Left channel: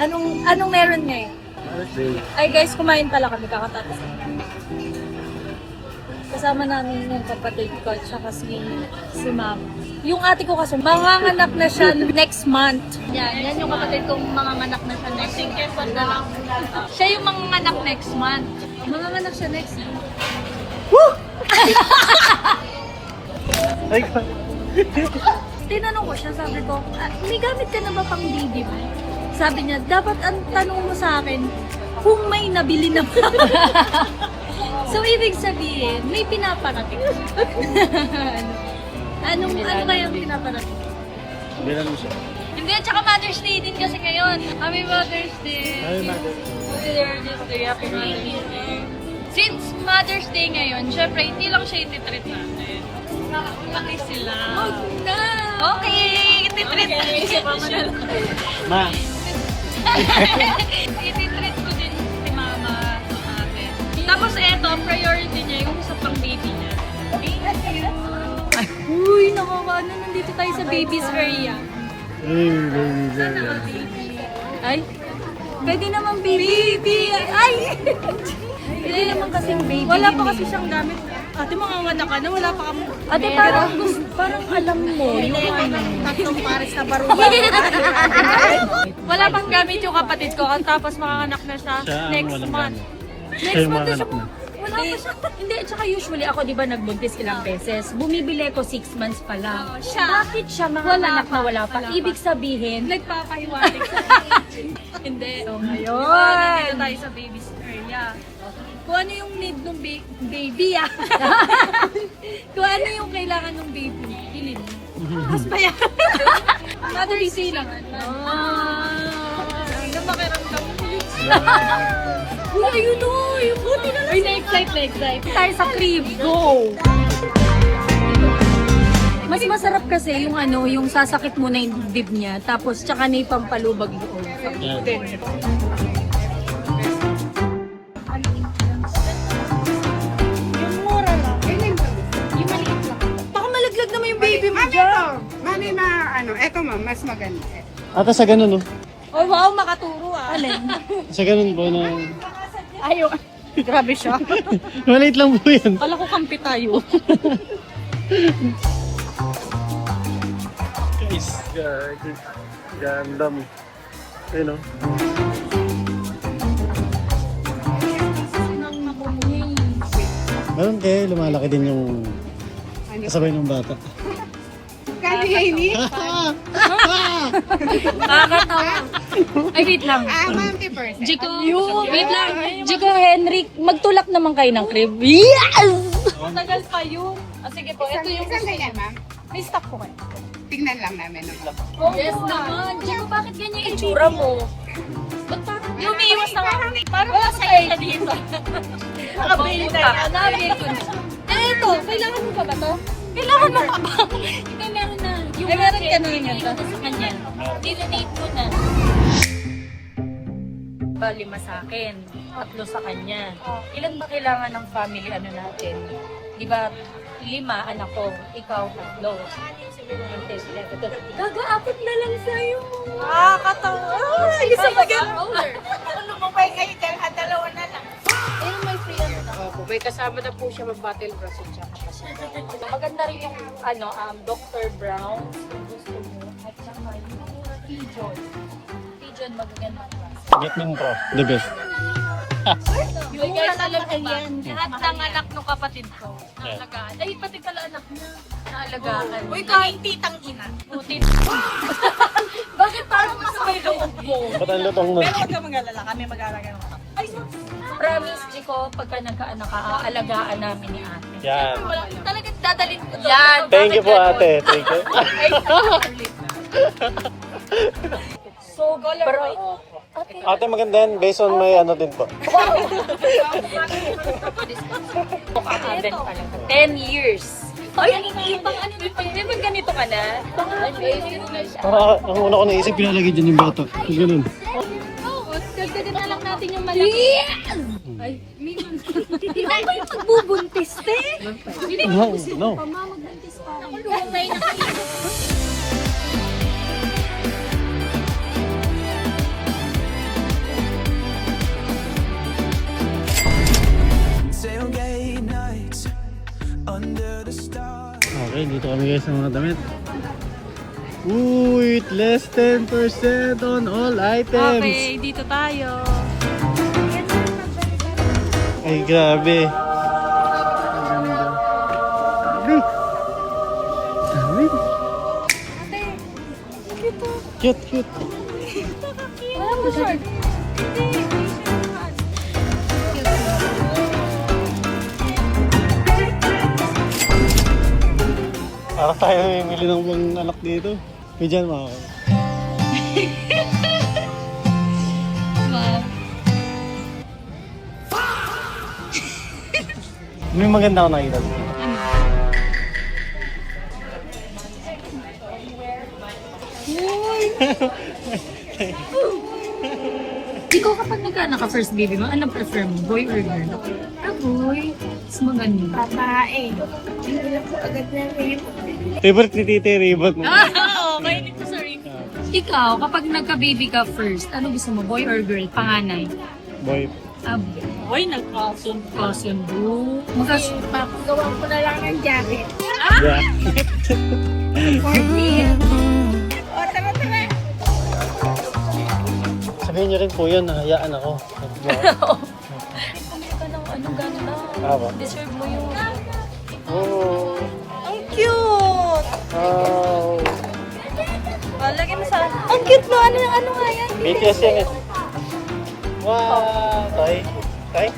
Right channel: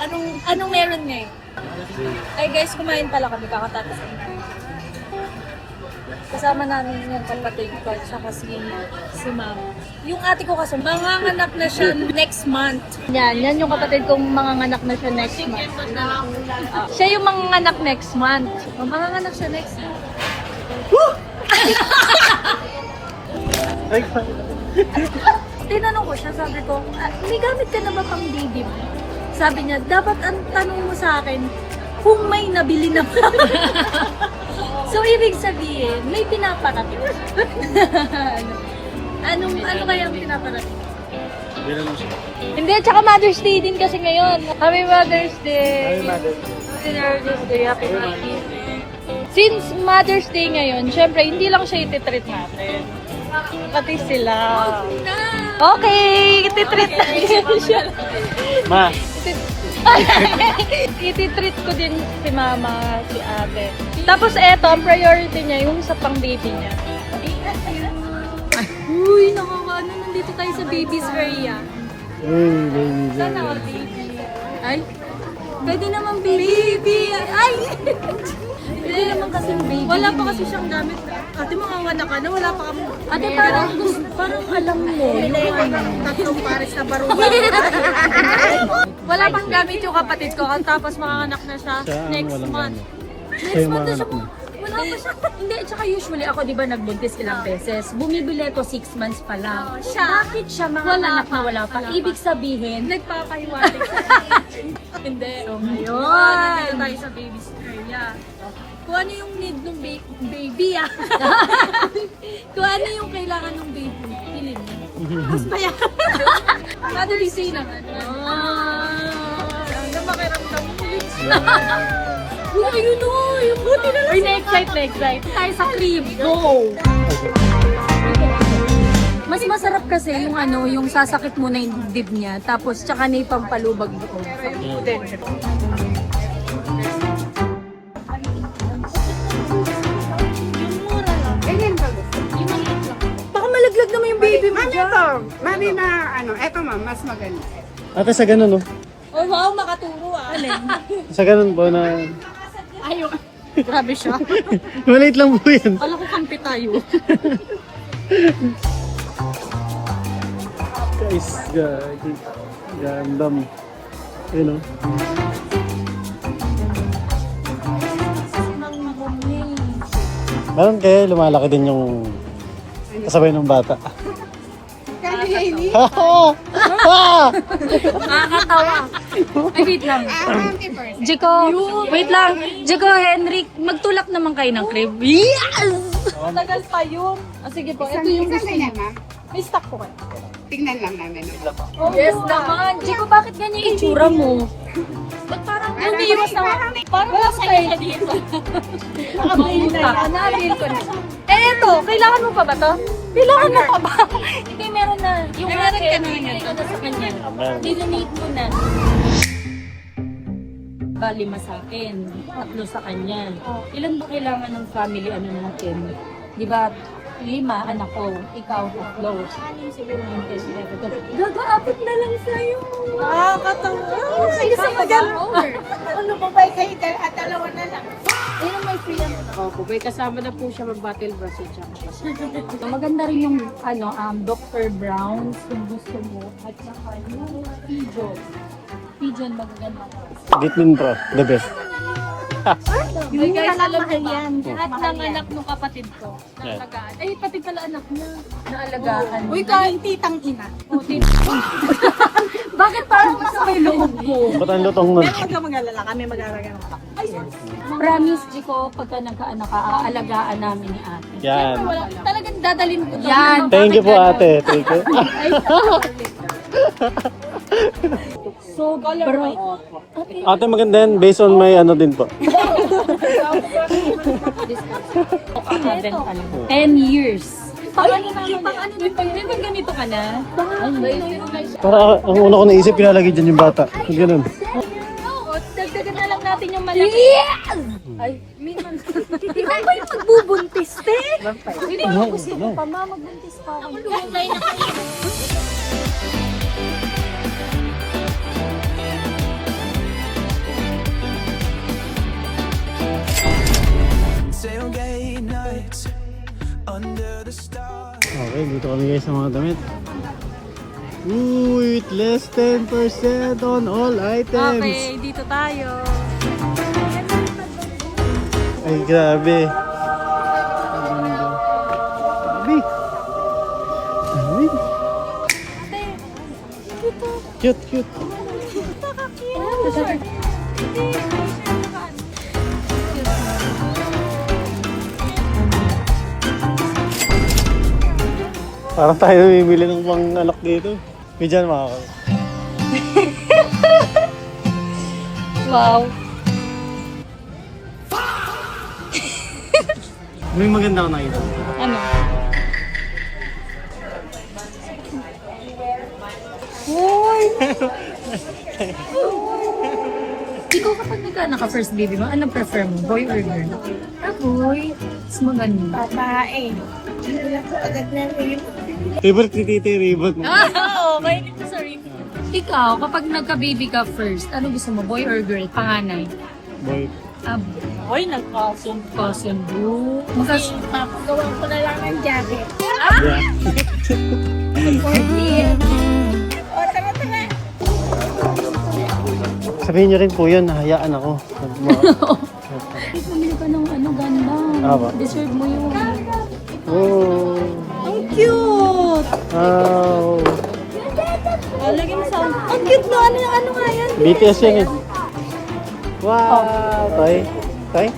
Anong meron ngayon? Ay guys, kumain pala kami, kakatapos kami. Kasama namin yung kapatid ko at saka si ma'am. Yung ate ko kasi, manganganak na siya next month. Yan yung kapatid kong manganganak na siya next month. Siya yung manganganak next month. Manganganak siya next month. Woo! Tinanong ko siya, sabi ko, may gamit ka na ba pang baby mo? Sabi niya, dapat ang tanong mo sa akin, kung may nabili na ba? So, ibig sabihin, may pinaparating. ano kaya ang pinaparating? Hindi, at saka Mother's Day din kasi ngayon. Happy Mother's Day! Happy Mother's Day! Happy Mother's Day! Since Mother's Day ngayon, syempre, hindi lang siya ititreat natin. Pati sila. Okay! Ititreat natin siya. Ma! Ititreat ko din si mama, si ate. Tapos eto, ang priority niya yung sa pang baby niya. Uy, nakakaano, nandito tayo sa baby's area. Sana all baby. Ay, pwede naman baby. Ay! Pwede naman kasing baby. Wala pa kasi siyang gamit. Ate, manganganak ka na, wala pa kami. Ate, parang alam mo. Tatlong pares na baruga. Wala pang gamit yung kapatid ko, tapos manganganak na siya next month. Next month na siya. Wala pa siya. Hindi, at saka usually ako, di ba, nagbuntis ilang beses. Bumibili ko 6 months pa lang. Bakit siya manganganak na wala pa? Ibig sabihin, nagpapahiwatig siya. Hindi. So, ngayon, tayo sa baby's area. Kung ano yung need ng baby, Kung ano yung kailangan ng baby, pilin mo. Mas pa yan. Mother's Day lang. Ano makiramdam mo? Uy, ayun o! Yung buti na lang. Uy, na-excite. Tayo sa crib. Go! Mas masarap kasi yung yung sasakit mo na yung dibdib niya, tapos tsaka na yung pampalubag doon. Baka malaglag naman yung baby mo dyan. Mami, eto ma'am, mas maganda. Ate, sa ganun, no? Oh wow, makaturo Alin? Sa ganun po na... Ayaw. Grabe siya. Maliit lang po yan. Kala ko kampi tayo. Guys, gandam. Ayun, no? Meron kayo, lumalaki din yung kasabay ng bata. Kasi ini, Nakakatawa. Ay, wait lang. 50%. Jiko, wait lang. Jiko, Henrik, magtulak naman kayo ng crib. Yes! Tagal pa yun. Sige po, ito yung Kasi na ma'am, may stock ko. tignan lang namin. Yes naman. Jiko, bakit ganyan yung itsura mo? Ba't parang umiiwas na parang masaya na dito. Nakabail na yan. Nakabail ko na. Eto, kailangan mo pa ba to? Kailangan mo pa ba? Hindi, meron na. Yung meron ka na lang yan. Tapos sa kanya. Dinonate mo na. 5 sa akin, 3 sa kanya. Ilan ba kailangan ng family natin? Di ba, 5 anak ko, ikaw 3. Gaga-apat na lang sa'yo. Nakakatawa. Kasi maganda. Ano mo ba kayo at dalawa na lang? Opo, may kasama na po siya mag-battle brush siya. So, maganda rin yung Dr. Brown, kung gusto mo. At saka yung Pigeon. Pigeon maganda. Gitmin Pro, the best. Mura lang mahal yan. Lahat ng anak ng kapatid ko, naalagaan. Ay, pati pala anak niya, naalagaan. Uy, naging titang ina. O, titang. Bakit parang mas may loob mo? Ba't ang lutong na? Huwag ka mag-alala, kami mag-alala ng anak. Promise, Chico, pagka nagkaanak ka, aalagaan namin ni ate. Yan. Talagang dadalhin ko to. Yan. Thank you po, ate. Thank you. So, bro. Ate, maganda yan. Based on my din po. 10 years. Ay, di ba ganito ka na? Para ang una ko naisip, pinalagay dyan yung bata. Kung ganun. Oo, dagdagan na lang natin yung malaki. Yes! Ay, minsan. Hindi ka ba yung magbubuntis, te? Hindi No, ko gusto no. pa, magbuntis pa ako. Ako luwag na Okay, dito kami guys sa mga damit. Uy, less 10% on all items. Okay, dito tayo. Ay, grabe. Grabe. Grabe. Ate, dito. Cute, cute. Nakakiyot. Parang tayo bibili ng pang anak dito. May dyan makakal. Wow. May maganda ako nakita. Ano? Hoy! Ikaw kapag nagkaanak ka first baby mo, anong prefer mo? Boy or girl? Ah, boy. Mas maganda. Babae. Hindi na po agad na rin. Favorite ni Titi, Reebok. Ah, okay. Dito sa ring. Ikaw, kapag nagka-baby ka first, ano gusto mo? Boy or girl? Panganay? Boy. Ah, boy, nagkasundo. Makas... Papagawa ko na lang ng jacket. Yeah. 40. O, tara, tara. Sabihin niyo rin po yun, nahayaan ako. Bumili ka ng ano, ganda. Tama. Deserve mo yun. Oh. Ang cute! Oh. Oh, lagay mo saan? Ang cute na ano yung ano nga yan? BTS yan eh. Wow! Tay? Tay?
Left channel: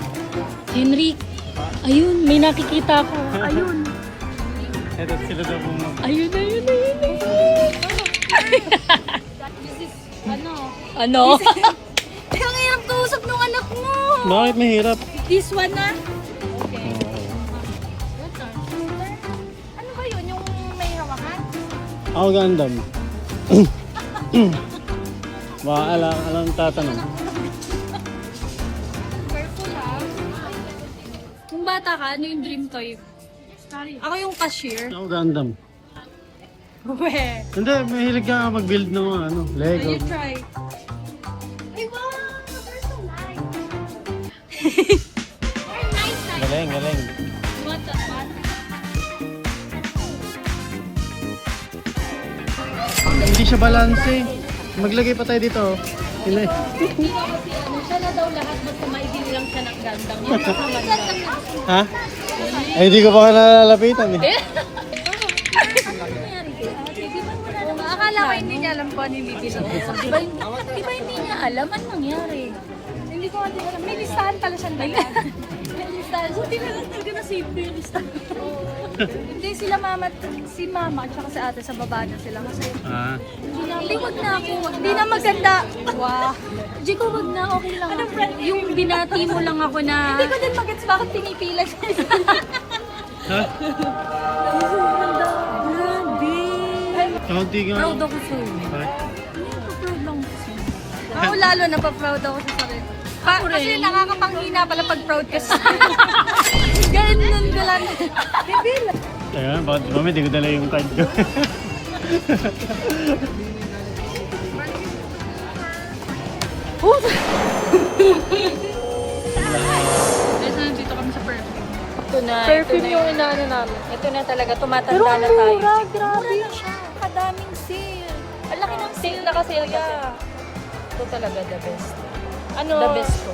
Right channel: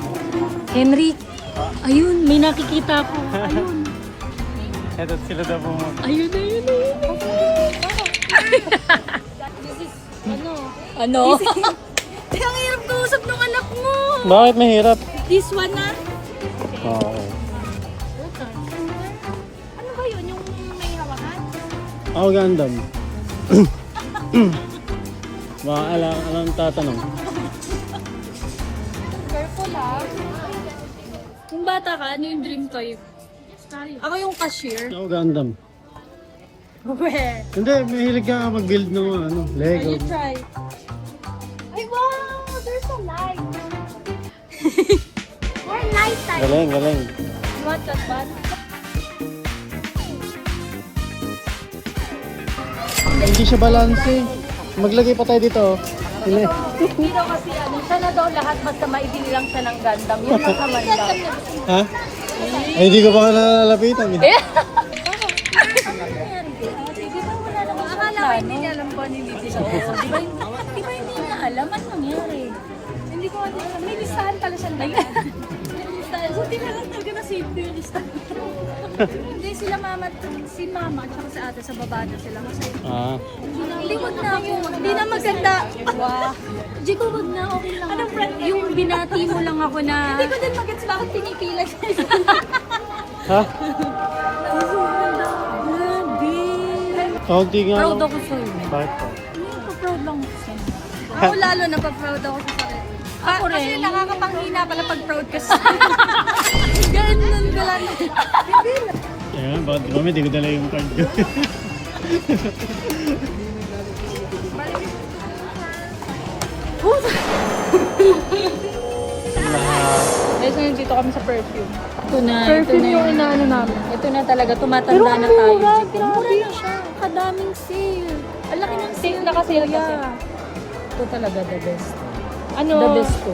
Henry, ayun, may nakikita ko. Ayun. Eto sila daw po mo. Ayun. Ano? Ang hirap kausap ng anak mo. Bakit mahirap? This one na. Oo. Ano ba yun? Yung may hawakan? Ako Gundam. Baka alam tatanong. Careful ha. Kung bata ka, ano yung dream toy? Ako yung cashier. Ako Gundam. We. Hindi, mahilig ka mag-build ng ano, Lego. You try. Ay, wow! There's a light. We're night time. Galing, galing. You want that one? Hindi siya balanse. Maglagay pa tayo dito. Hindi. Hindi daw kasi ano, siya na daw lahat basta maibili lang siya ng gandang. Yung nakaman lang. Ha? Ay, hindi ko pa nalalapitan eh. Akala ko hindi niya alam kung ano yung bibi sa uso. Di ba hindi niya alam ano nangyari? Hindi ko alam. May listahan pala siya ba yan? May listahan. Buti na lang talaga na save yung listahan. Hindi si mama at saka si ate sa baba na sila kasi Ah. hindi wag na ako. Hindi na maganda. Wow. Di ko wag na okay lang. Ano yung binati mo lang ako na hindi ko din magets bakit pinipila siya. Ha? Grabe. Kaunti nga. Proud ako sa'yo. Bakit? Proud lang ako sa'yo. Ako lalo na pa-proud ako sa sarili. Kasi nakakapanghina pala pag proud ka sa ganun ka lang. Ayun, bakit mami, di ko dala yung card ko. Ito na dito kami sa perfume. Ito na yung... Ito na talaga, tumatanda na tayo, Chico. Mura na siya. Kadaming sale. Ang laki ng sale na kasi. Yeah. Ito talaga the best. The best ko.